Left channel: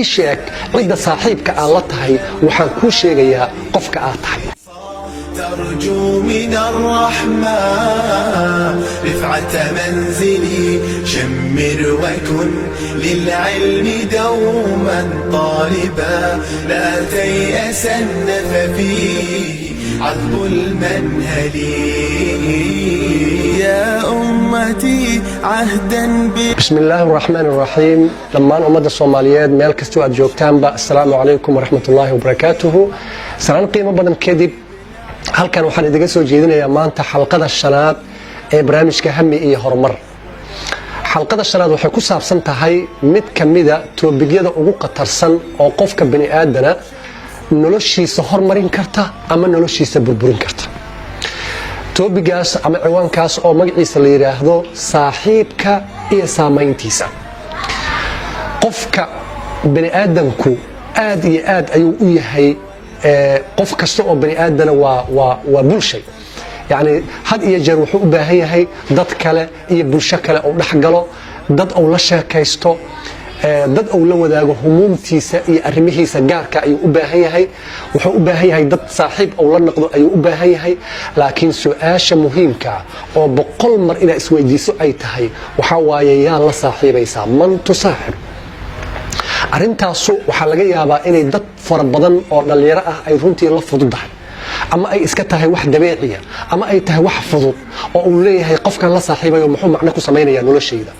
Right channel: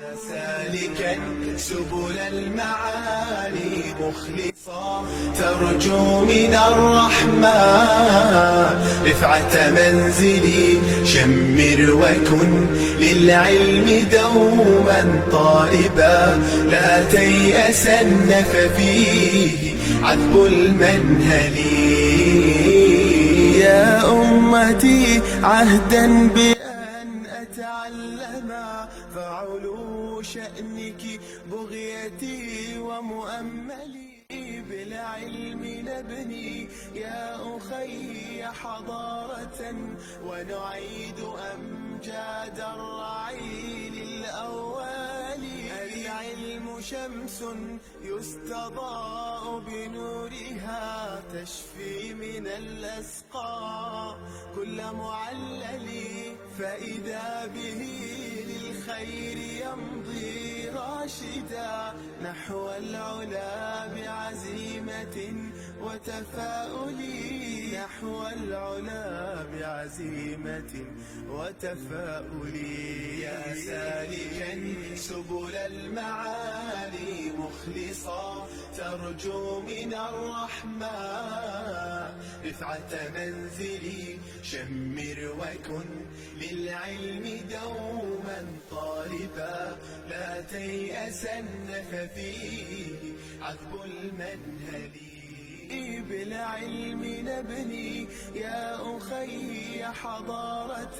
sheeg cidda saaxiibka aad la tahay waxaan kuu sheegayaa qofka aad tahay. ترجو من الرحمن رفعة منزلي شمر وكن للعلم دوما طالبا لا تيأسن ففيه عذب المنهل يا أمتي عهدا بسم الله الرحمن الرحيم. لما أمد الصوماليات ميل كستو أد جوجتان السلام عليكم ورحمة الله وبركاته. سلام قيمة بدن كدب halkan waxaan idiga soo jeedinayaa maanta xalqada shanaad ee barnaamijka Hami iyo Horumar. xalqada shanaad waxay ku saabsan tahay mid kamida toobiyada ugu qatarsan oo qofka bani aadana noloshiisa horumarin karta ama noloshiisa burburin karta. toobigaas ama ciwaankaas oo magaciisa la yiraahdo saaxiibka iyo saameyntiisa. qofka bani aadamku aad iyo aad ayuu u yahay qof kasta oo bani aadana waa bulshay, yani had iyo jeer wuxuu u baahan yahay dad kale iyo bulsho kale oo dhaxgalo, dad oo la sheekaysto, dad oo la wadaago humuumtiisa iyo arrimihiisa gaarka ayuu u baahan yahay. wuxuu u baahan yahay dad saaxiib oo la noqdo ayuu u baahan yahay. laakiin su'aasha muhiimka oo boqol mar ina isweydiiso ay tahay waxa waaye yaa la saaxiibaysaa, man tusaaxib. arintaasu waxa laga yaabaa inay dad fara badan oo dhalinyaro ah ay runtii la fududahay, ama ay iska tahay wax dabeeci ah, ama ay tahay wax fudud oo uu leeyahay qofkan la saaxiibayo muxuu macno ku sameeyaa noloshayda.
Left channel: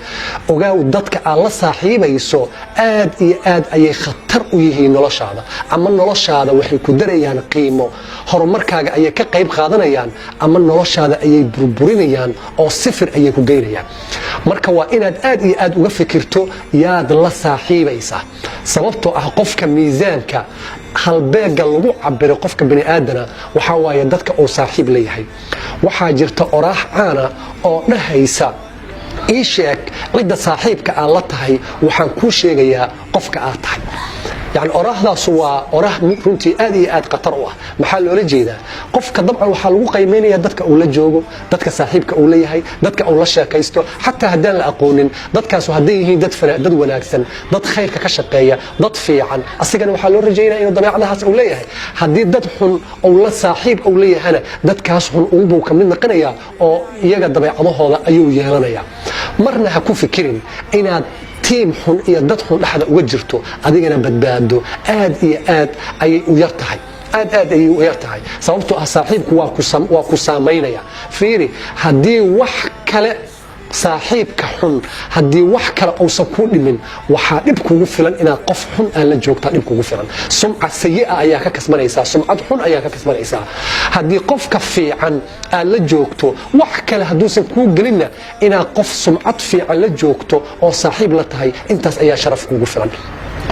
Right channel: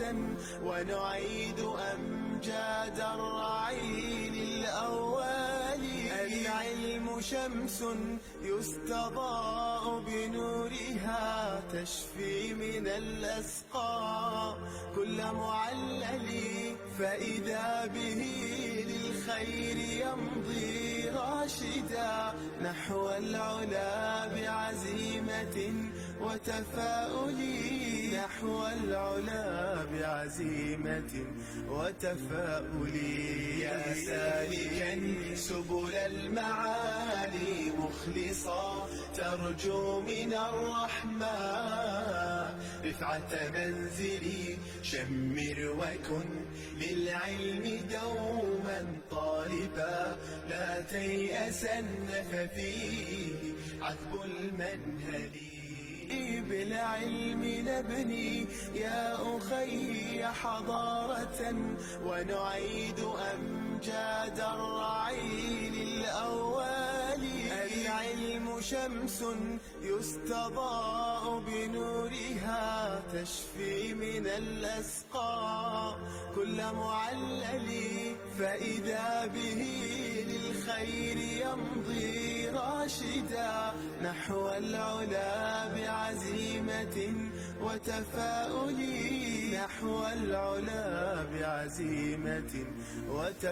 ogaaw dadka aad la saaxiibayso aad iyo aad ayay khatar u yihiin noloshaada, ama noloshaada waxay ku darayaan qiimo, horumarkaaga ayay ka qayb qaadanayaan, ama noloshaada ayay burburinayaan oo sifir ayay ku geynayaan. marka waa inaad aad iyo aad uga fikirto yaad la saaxiibaysaa, sababtoo ah qofka miisaanka halbeega lagu cabiro qofka bani aadana waxa waaye dadka uu saaxiib leeyahay. waxaa jirta oraax caana oo dhahaysa ii sheeg cidda saaxiibka aad la tahay waxaan kuu sheegayaa qofka aad tahay. يعني أراهداس وأراه runtii aad iyo aad qatar u ah. maxaa loola jeedaa qofka dabcan waxa lagu qiimeeyaa dadka uu la joogo, dadka saaxiibka uu leeyahay, dadka uu la sheekaysto, xataa haddaan la aqoonin dadkaas hadday yihiin dad wanaagsan, dad khayrka ka shaqeeya, dad fiican, asigana waxa loo rajaynayaa inuu dabeecadahaas uu leeyahay. haddii dad xun uu la saaxiib uu leeyahana dadkaas xun uu ka mid noqonayaa oo iyaga dabeecadahooda ayuu yeelanayaa. marna ha ku fikirin inaad tiim xun iyo dad xun dhaxda uga jirto adigana badbaado aad iyo aad ayay u yartahay, aad ayay u yartahay. sababtoo ah saaxiibku waa ku saameynaya. fiiri, haddii wax kale saaxiibka xun haddii wax kale uusan kuu dhimin waxaa dhib kugu filan inaad qof xun aan la joogtaa dhib kugu filan. sumcad sayi'a ayaa ka kasbanaysaa, sumcad xun ayaa ka kasbanaysaa. haddii qofka fiican aad la joogto wax kale hadduusan kuu gelinna inaad qof sumcad fiican la joogto oo saaxiib la tahay intaas ayaa sharaf kugu filan.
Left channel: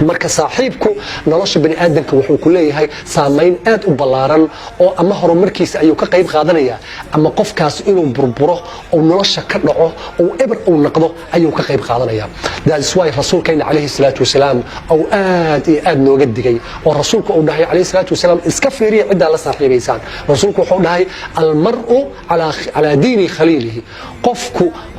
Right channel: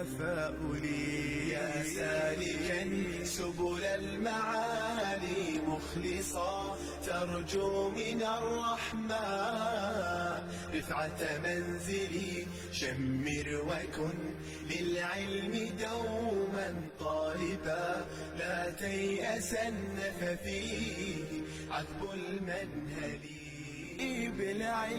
marka saaxiibku nolosha bani aadamka wuxuu ku leeyahay saameyn aad u ballaaran oo ama horumarkiisa ayuu ka qayb qaadanaya, ama qofkaas inuu burburo oo nolosha ka dhaco oo eber uu noqdo ayuu ka qayb qaadanaya. that's why rasuulkeena calayhi salaatu wasalaam oo aad iyo aad nooga digay oo rasuulku uu dhahay calayhi salaatu wasalaam iska fiiriya cidda la saaxiibaysaan. rasuulku wuxuu dhahay almar'u ala diini khaliilihi,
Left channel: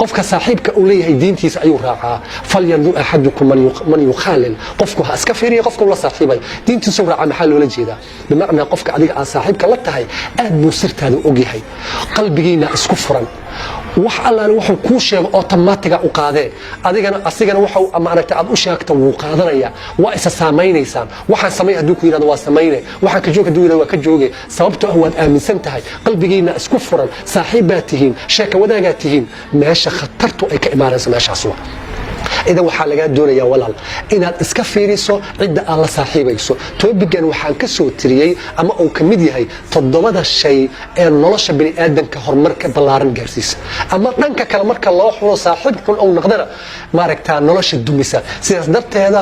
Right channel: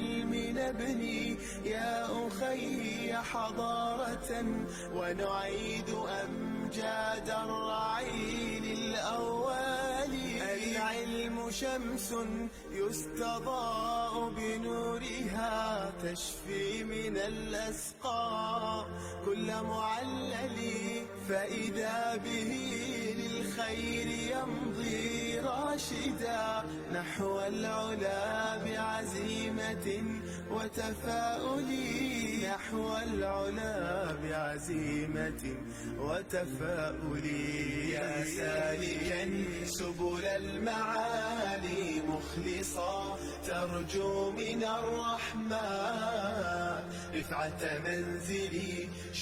qofka saaxiibka uu leeyahay diintiisa ayuu raacaa. falyandur ahadukum man yukhalil, qofku ha iska fiiriyo qofka la saaxiibay diintiisa raaca. maxaa loola jeedaa? bimacnaa qofka adiga aan saaxiibka la tahay aad buu sirtaada og yahay, qalbigiina isku furan, wax allaale wuxuu kuu sheego automatic u qaadee asigana wuxuu amaanata aad u sheegto wuu qaadanaya. waa isa saameynaysan. waxaan sameey hadduu ku yiraahdo waa sameeyne, waxaan ka joog hadduu yiraahdo waa ka jooge. sababtoo ah waad aaminsan tahay, qalbigiina isku furan, saaxiibaad tihiin, sheeko wadaagaad tihiin. meesha khatartu ay ka imaanayso meeshaas waa idan waxaa laga doonayaa walaal inaad iska fiiriso cidda aad la saaxiibayso. toobigan waxaan ka soo tiriyay ama uu ka mid yahay 7 shay ee nolosha bani aadamka horumarka ballaaran gaarsiisa, ama dhanka kale marka loo xulo saaxiib xun oo noqdana maaragtaa nolosha dumisa. sidaas darteeda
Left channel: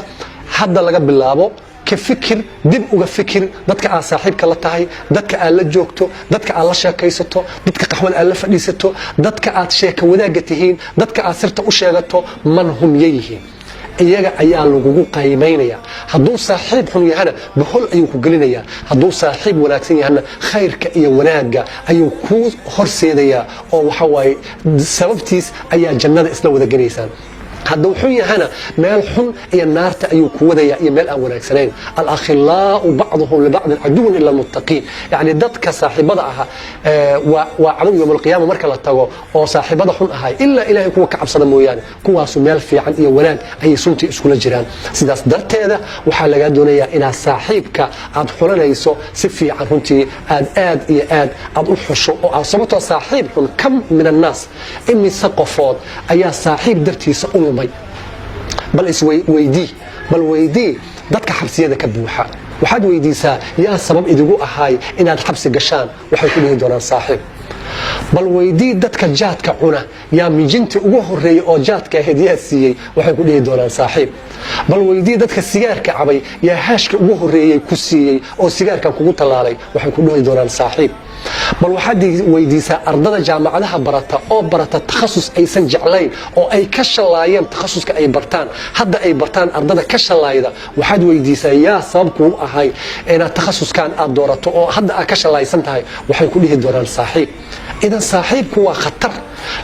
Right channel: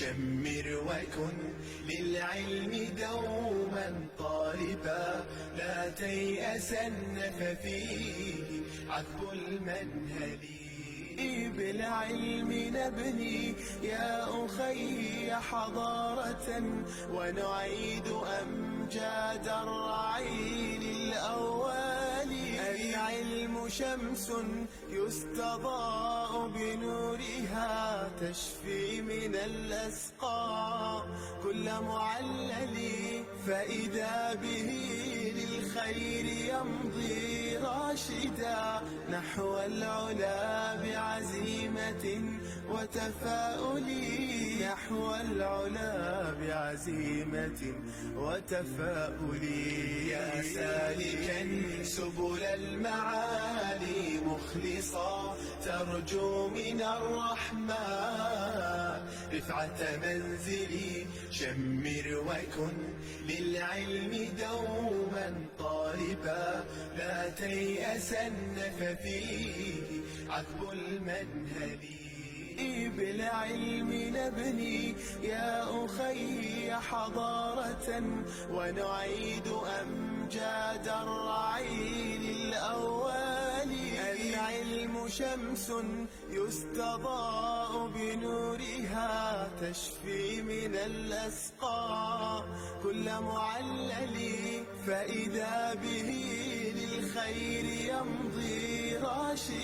hadda laga bilaabo ka fikir, dib uga fikir dadka aad saaxiibka la tahay, dadka aad la joogto, dadka aad la sheekaysato, dadka qaxwada aad la fadhiisato, dadka aad sheeko wadaaga tihiin, dadka aad sirta u sheegato man hum yihiin. iyaga ayaa lagugu qiimeynaya. hadduu saaxiib xun yahana bahol ayuu ku gelinayaa, hadduu saaxiib wanaagsan yahana khayrka iyo wanaaga ayuu ku horseedayaa oo waxa waaye sababtiis ayaa jannada isla wada gelaysaan. hadduu xun yahana meel xun iyo naarta ayuu ku wadaya iyo meel aan wanaagsanayn alakhilaau bacduhum libacdin caduwan ila almuttaqiin yani dadka saaxiibada aha waa cadow yowm alqiyaama marka la tago oo saaxiibada xun ahay ilaa ilaahay kuwa ka cabsada mooyaane kuwaasu meel fiican iyo wanaag ayay suntii iskula jiraan sidaas darteeda waxaa lagaa doonayaa inaad saaxiibka aad xulanayso si fiican runtii aad iyo aad u xusho oo aad sababtoo saaxiib xun kam min annaas imise qofood ayaa saaxiib dartiisa u lumay bal weydii dadka xabsiyada ka buuxa waxaad weydiisaa yaa sabab idigu ahaay inaad xabsi gashaan waxay ku dhihi doonaan saaxiib bal weydii dadka jaadka cuna yaa mijinta ugu horeeyay oo jaadka ahayd yaa siiyey waxay ku dhihi doonaan saaxiib bal weydii dadka sigaarka cabay yaa haashka ugu horeeyay ku siiyey oo sigaarkan kugu tallaalay waxay ku dhihi doonaan saaxiib bal waxaad weydiisaa ardada jaamacadaha barata oo barata takhasus aysan jeclayn oo ay ka shalaayeen takhasuska ay bartaan hadda ay bartaan ardada ka shalaayda waxaad weydiisaa yaa sabab kuu ahay inaad takhasuskan aad doorato oo hadda aad ka shalaysan tahay waxay ku dhihi doonaan saaxiib idan saaxiibku waa khatar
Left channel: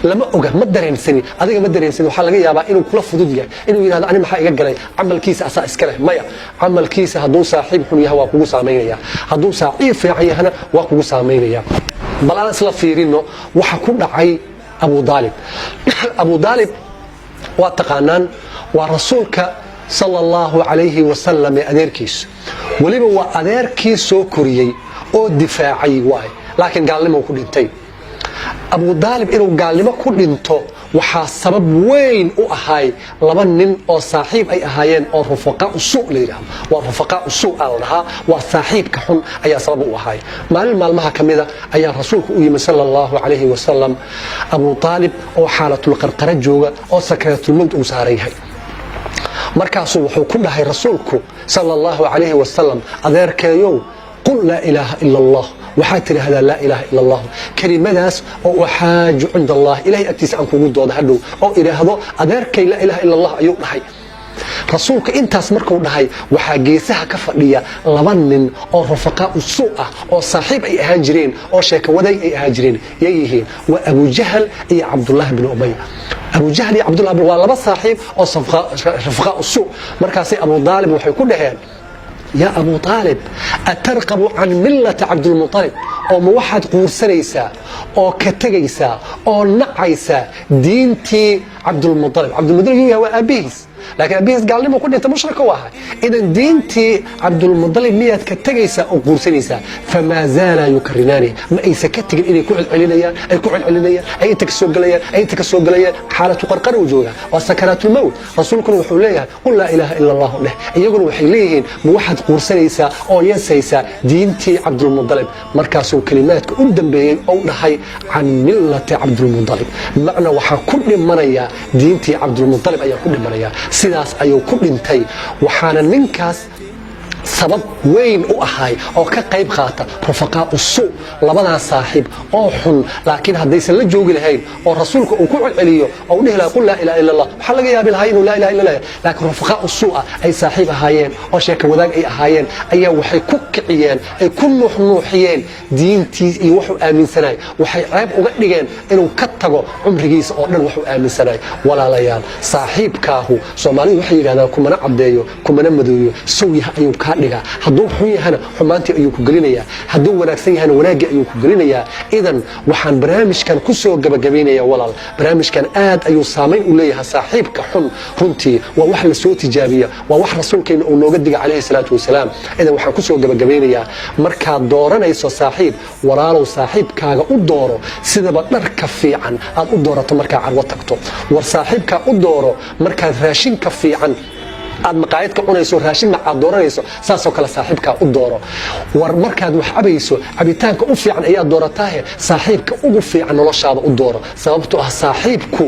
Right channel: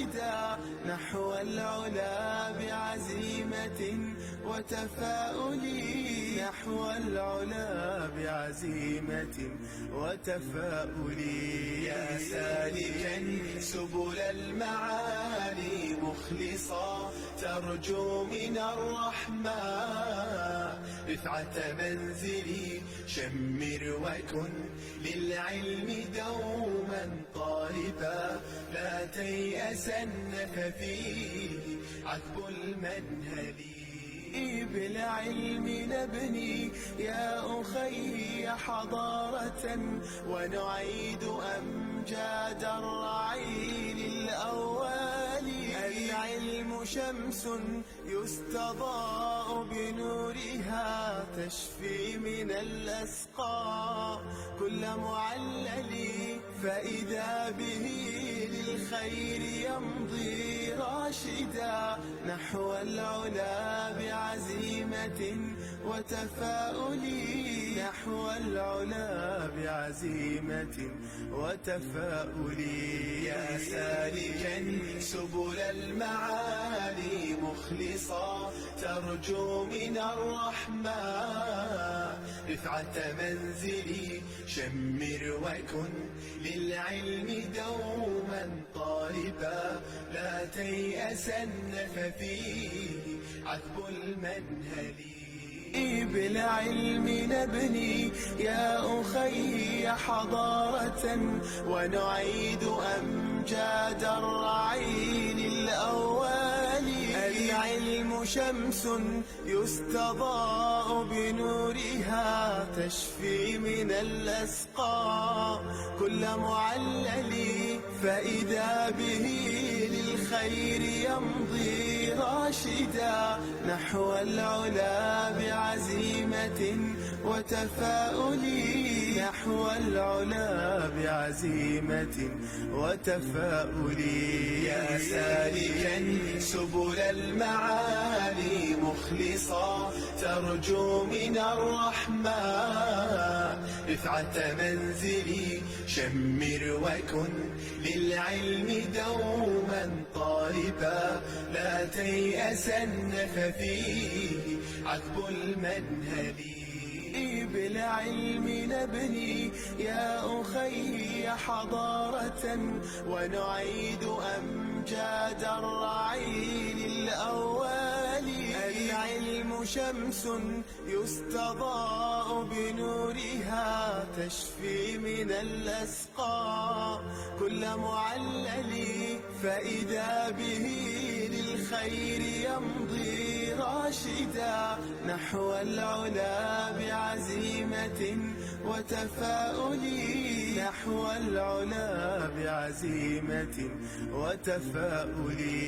lama oga ma dareensani adiga ma dareensani waxaa laga yaabaa inuu kula fudud yahay inuu yidhahdo ani maxaa iga galay camalkiisa asaa iska leh maya camalkiisa hadduu saaxiib xun yahay waa kugu saamaynaya hadduu saaxiib fiican yahana waa kugu saamaynaya bal aan isla fiirino waxa ku dhacay abu daalib waa taqaanaan waa rasuulka sala allahu calayhi wasalam ee adeerkiisa weliba waa adeerkii soo koriyey oo difaacay waay laakiin gaalnimo ku dhintay abu daalib inuu gaalnimo ku dhinto waxaa sabab weyn u ahay laba nin oo saaxiib ay ahaayeen oo rufaqaa usuu la yidhaahdo waa rufaqaa usuu aa la dhahaa waa saaxiibka xun ayaa sabab u ahay maalin maalmaha ka mida ayaa rasuulku u yimi sala allahu calayhi wasalam abu daalib oo xaalatulqarqara jooga oo sakaraatulmowt uu saaran yahay markaasuu wuxuu ku dhahay rasuulku sala allahu calayhi wasalam adeerkeeyow qul laa ilaaha ila allah waxaad tidhaahdaa laa ilaaha ila allah kelimadaas oo uxaaju cinda allah ilahay agtiisa aan kugu dooda hadhow oo idhaahdo adeerkay laa ilaaha ila allah ayuu dhahay rasuulka intaas markuu dhahay waxaa geesaha ka fadhiya laba nin oo rufaqaa usuu ah oo saaxiib ay ahaan jireen oo sheeko wadaag ay ahaan jireen yay yihiin waa abujahal iyo cabdullaahi bin ubay abujahal iyo cabdullahi waa laba saaxiib oo rufaqaa usuu markaasay abu daalib waxay ku dhaheen يا أبو طالب أترقب عن ملة عبد المطلب أو موحد قورسانيسا أو كتغيسا أو نعيسا دينتي عبد المطلب هو أبيس لكن أبيس قال لي ما كنت أنت مشرك واحد إذا دينتي عبد المطلب مية كتغيسا أو قورسانيسا فما زال يكرناني ما أي سكتك إلي كعد علينا أي تكسوق ليا حالة قرقر وجوده وسكرات الموت رسولكم وحوليها قل لا إله إلا الله له يقول وحيليهن موحد قورسانيسا أو ينسيسا دينتي عبد المطلب مركاسو كلمات قدام بين أو نحي عن ملة عبد المطلب معنى وحا كل مريا دينتي عبد المطلب أي كل مريا sidaas ayuu ku dhintay waxaana ninkaas sabab weyn u ahay oo ka qayb qaata rufaqaa usuu labadaa saaxiib oo xun laakiin haddaysan la joogi lahayn oo rasuulka uu ku celceliyo oo dhihi lahaa qul laa ilaaha illa allah waxaa laga yaabi lahaa inuu laa ilaha illa allah laakiin rufaqaa usuu ah ay saaxiib ahaayeen oo sheeka wadaag ay ahaayeen ayaa waxay ku kiciyeen ay ku nuuxnuuxiyeen diintiis iyo wuxuu aaminsanay waxay ceeb uga dhigeen inuu ka tago cumrigiisa oo dhan wuxuu aaminsanay walaalayaal saaxiibkaahu soomaalidu waxay yidhahdaan kumana caddeeyo kumana madooyo sawyaha ayuu kaa dhiga hadduu xun yahana xumaantii ayuu ku gelinayaa hadduu wanaagsan yahana wanaaggii ayuu ku gelinayaa idan waxaan barnaamijkan ku soo gabagabaynayaa walaal barnaamijkan aad ayuu saamayn u leeyahay saaxiibka xun runtii waa wax la soo tijaabiya waa wax rasuulkeena uu nooga diga calayhi salaatu wasalaam idan waxaan ku soo gabagabaynayaa markaad dooranayso saaxiib walaalow saaxiibkaaga u dooro sidaba dharka fiican aad u doorato markaa carwo tagto war saaxiibkaa u dooro markaad raashinka fiican aad maqaayad ka cunayso raashin aad dooranayso saasoo kale saaxiibkaa u dooro war markaad wax cabayso cabitaanka u fiican ayaa doorataahe saaxiibka ugu fiican noloshaada u dooro sababtoo ah saaxiibku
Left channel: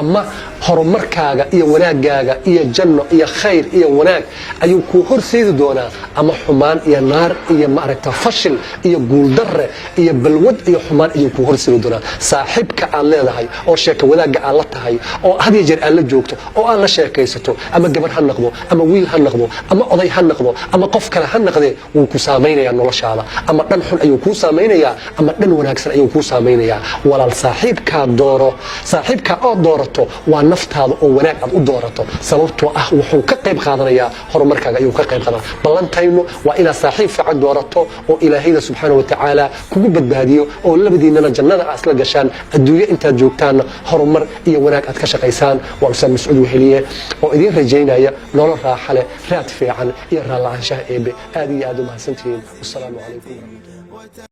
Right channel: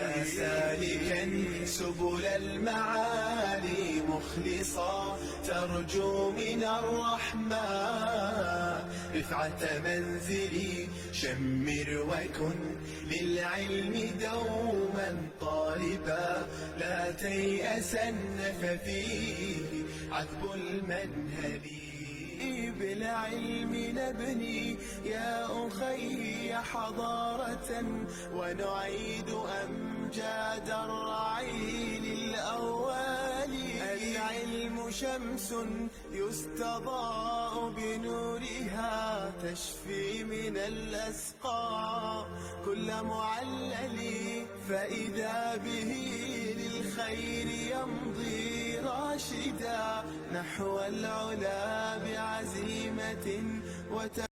ama horumarkaaga iyo wanaagaaga iyo janno iyo khayr iyo wanaag ayuu kuu horseedi doonaa ama xumaan iyo naar iyo maaragta fashil iyo guuldarre iyo balwad iyo xumaan ayuu kuu horseedi doonaa saaxiibka aad leedahay oo sheeka wadaagga aad la tahay oo had iyo jeer aad la joogto oo aad la sheekaysato ama gabar ha noqdo ama wiil ha noqdo ama oday ha noqdo ama qof kale ha noqdee wuu ku saameynayaa noloshaada ama dhan xun ayuu kuu saameynayaa ama dhan wanaagsan ayuu kuu saameynayaa walaal saaxiibkaa dooro saaxiibkaa oo doorato waa naftaada oo wanaag aad u doorato sababtoo ah wuxuu ka qayb qaadanayaa horumarkaaga ayuu ka qayb qaadanaa ballantaynu waa inaad saaxiib fiican doorato oo ilaahayda subxaanahu wa tacaala kugu badbaadiyo oo labadiinana jannada aad isla gashaan adduunyo intaad joogtaanna horumar iyo wanaag aad ka shaqaysaan waa ustaad mascuud weheliye oo idiin rajaynaya nolol raaxa leh raad fiican iyo raallaanshaha eebe aad iyo aad u mahadsantihiin wasalaamu calaykum